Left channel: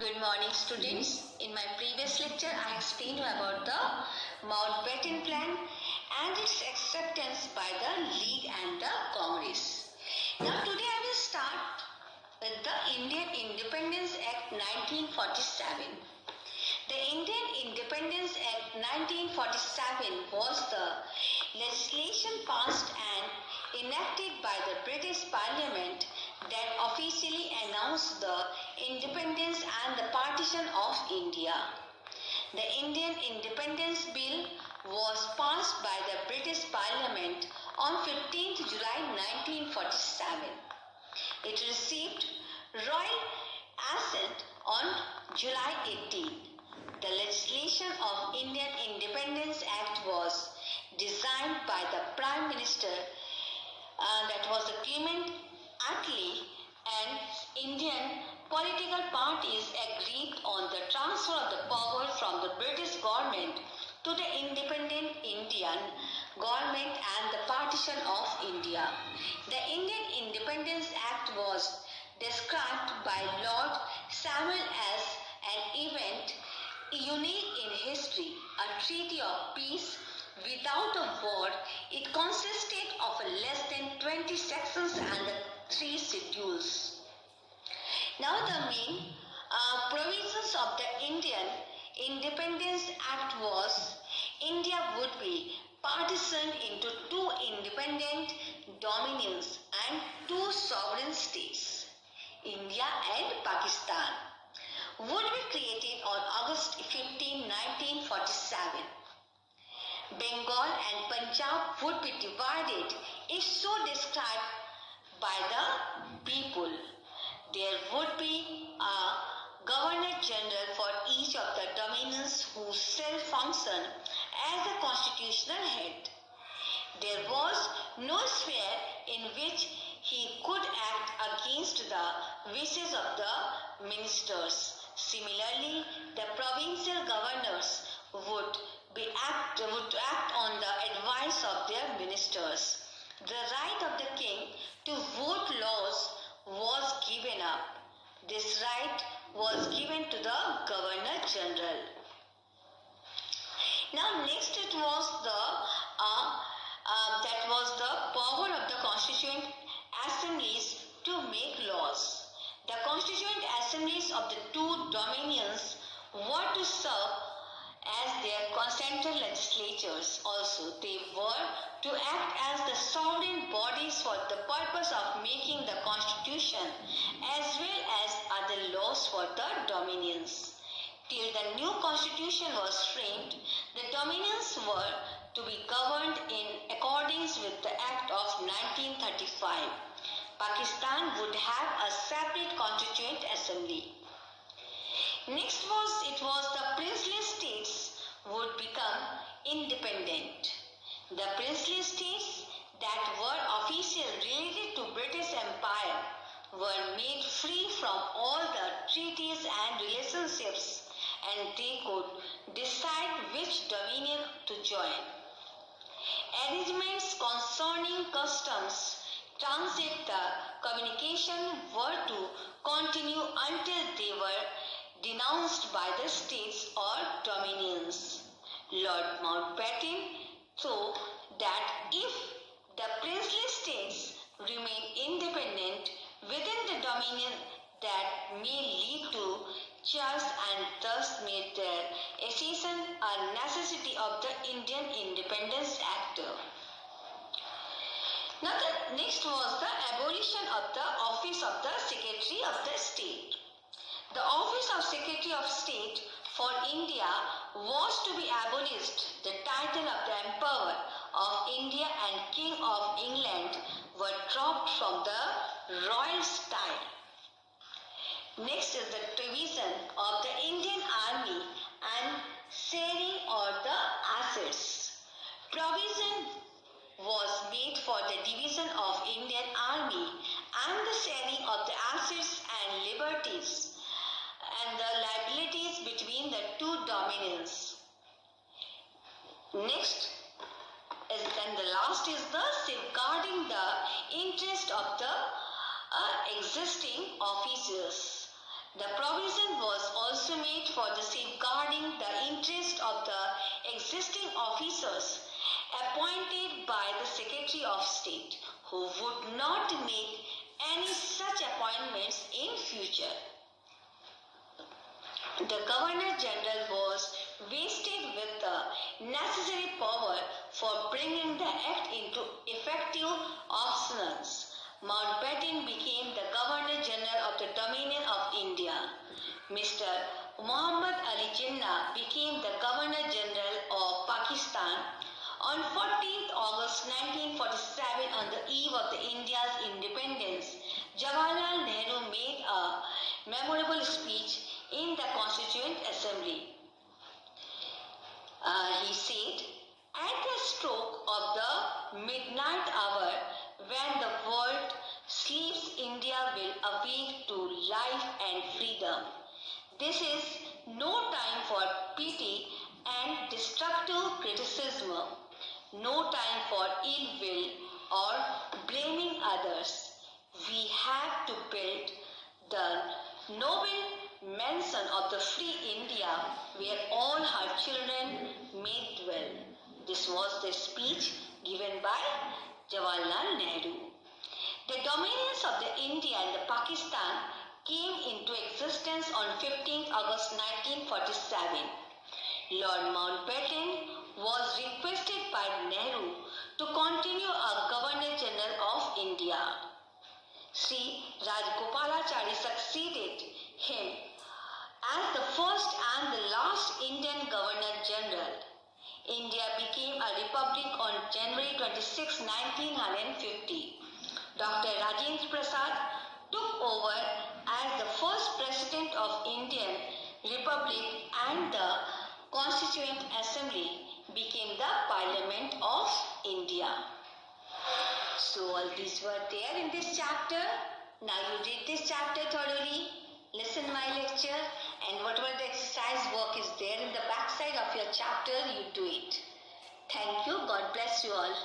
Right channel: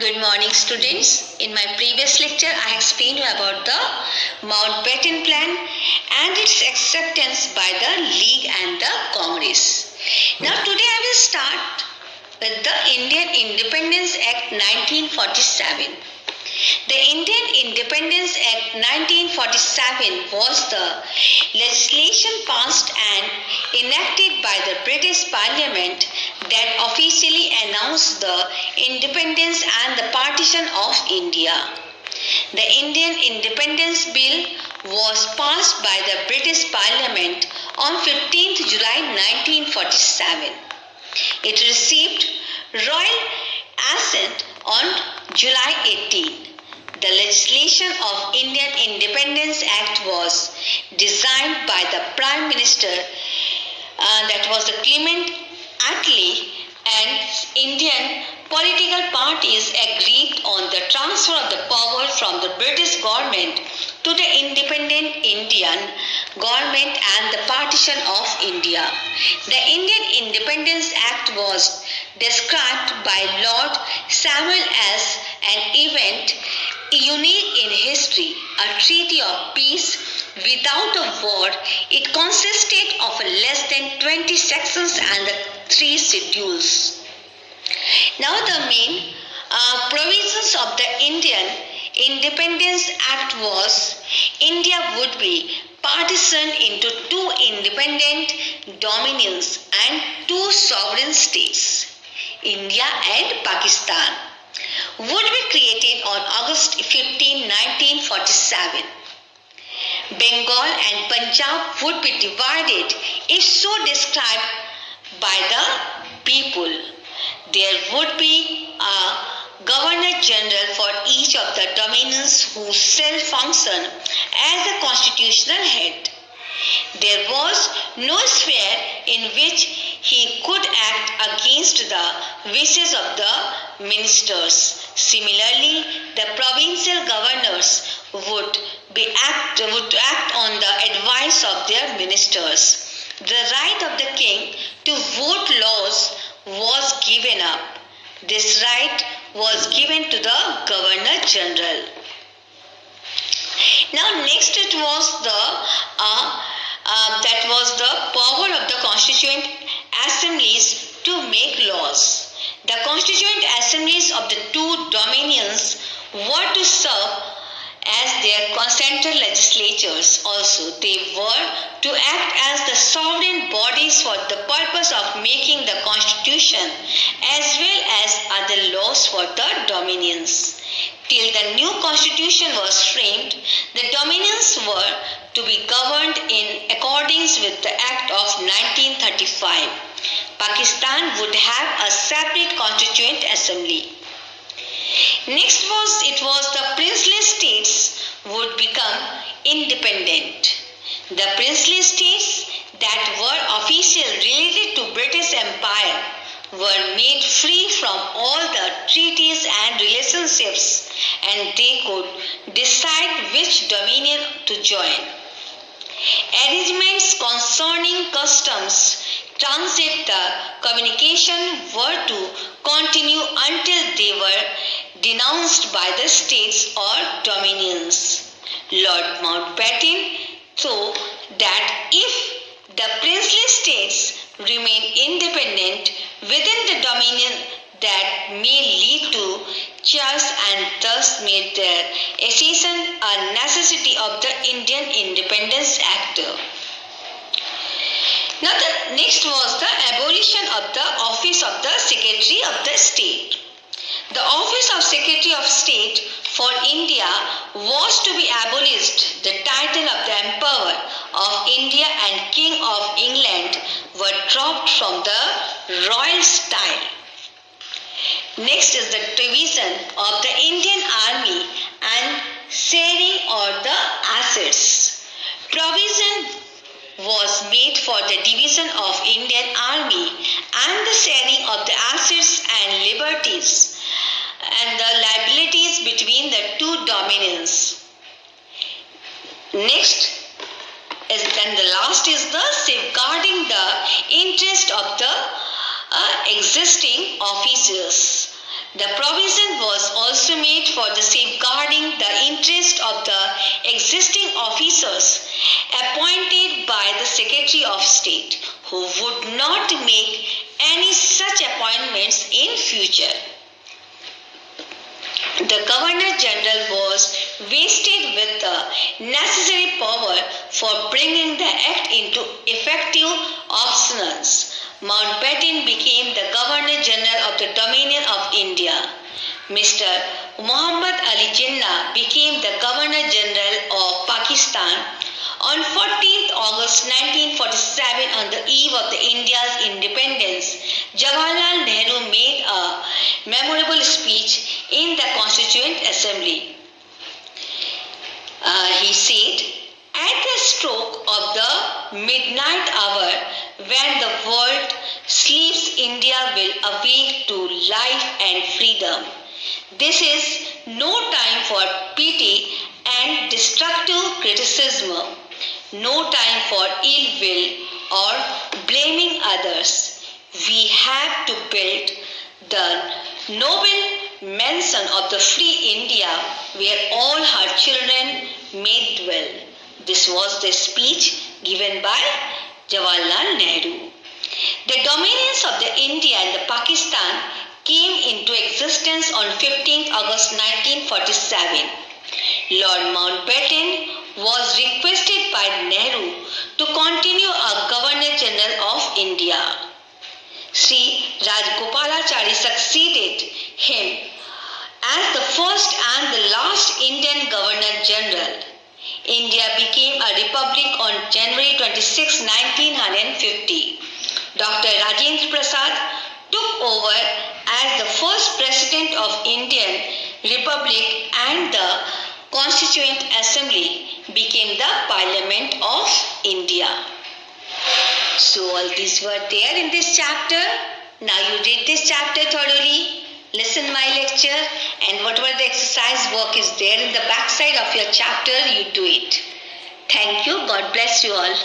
Good morning, students. In my previous lecture, I explained you about the Mountbatten Plan and its acceptance by the League and the Congress. Now, today I will start with the Indian Independence Act 1947. The Indian Independence Act 1947 was the legislation passed and enacted by the British Parliament that officially announced the independence and the partition of India. The Indian Independence Bill was passed by the British Parliament on 15th July 1947. It received royal assent on July 18. The legislation of Indian Independence Act was designed by the Prime Minister, that was the Clement Attlee, and Indian political parties agreed on the transfer of the power from the British government to the independent Indian government and the partition of India. The Indian Independence Act was described by Lord Samuel as an event unique in history, a treaty of peace without a war. It consisted of less than 20 sections and the 3 schedules. Now the main provisions of the Indian Independence Act was India would be partitioned into 2 independent dominions and 2 sovereign states, India and Pakistan, would be created on August 15, 1947. Bengal and Punjab would be divided if so described by the people. There would be a Governor General for each of the dominions who shall function as a constitutional head. There was no sphere in which he could act against the wishes of the ministers. Similarly, the provincial governors would act on the advice of their ministers. The right of the king to vote laws was given up. This right was given to the Governor General. Now, next it was the power of the constituent assemblies to make laws. The constituent assemblies of the 2 dominions were to serve as their central legislatures. Also, they were to act as the sovereign bodies for the purpose of making the constitution as well as other laws for the dominions. Till the new constitution was framed, the dominions were to be governed in accordance with the Act of 1935. Pakistan would have a separate constituent assembly. Next was the princely states would become independent. The princely states that were officially related to British Empire were made free from all the treaties and relationships, and they could decide which dominion to join. Arrangements concerning customs, transit, the communication were to continue until they were denounced by the states or dominions. Lord Mountbatten thought that if the princely states remain independent within the dominion, that may lead to chaos and thus made their accession a necessity of the Indian Independence Act. Now the next was the abolition of the office of the Secretary of the State. The office of Secretary of State for India was to be abolished. The title of the Emperor of India and King of England were dropped from the royal style. Next is the division of the Indian Army and sharing of the assets. Provision was made for the division of Indian Army and the sharing of the assets and liberties and the liabilities between the 2 dominions. Next is then the last is the safeguarding the interest of the existing officers. The provision was Secretary of State, who would not make any such appointments in future. The Governor General was vested with the necessary power for bringing the act into effective observance. Mountbatten became the Governor General of the Dominion of India. Mr. Muhammad Ali Jinnah became the Governor General of Pakistan. On 14th August 1947, on the eve of India's independence, Jawaharlal Nehru made a memorable speech in the Constituent Assembly. He said, "At the stroke of the midnight hour, when the world sleeps, India will awake to life and freedom. This is no time for pity and destructive criticism, no time for ill will or blaming others. We have to build the noble mansion of the free India where all her children may dwell." This was the speech given by Jawaharlal Nehru. The dominions of the India and the Pakistan came into existence on 15th August 1947. Lord Mountbatten was requested by Nehru to continue as Governor General of India. Sri Rajagopalachari succeeded him as the first and the last Indian Governor General. India became a republic on January 26, 1950. Dr. Rajendra Prasad took over as the first President of Indian Republic, and the Constituent Assembly became the Parliament of India. So all these were there in this chapter. Now you read this chapter thoroughly, listen my lecture, and whatever the exercise work is there in the back side of your chapter, you do it. Thank you. God bless you all.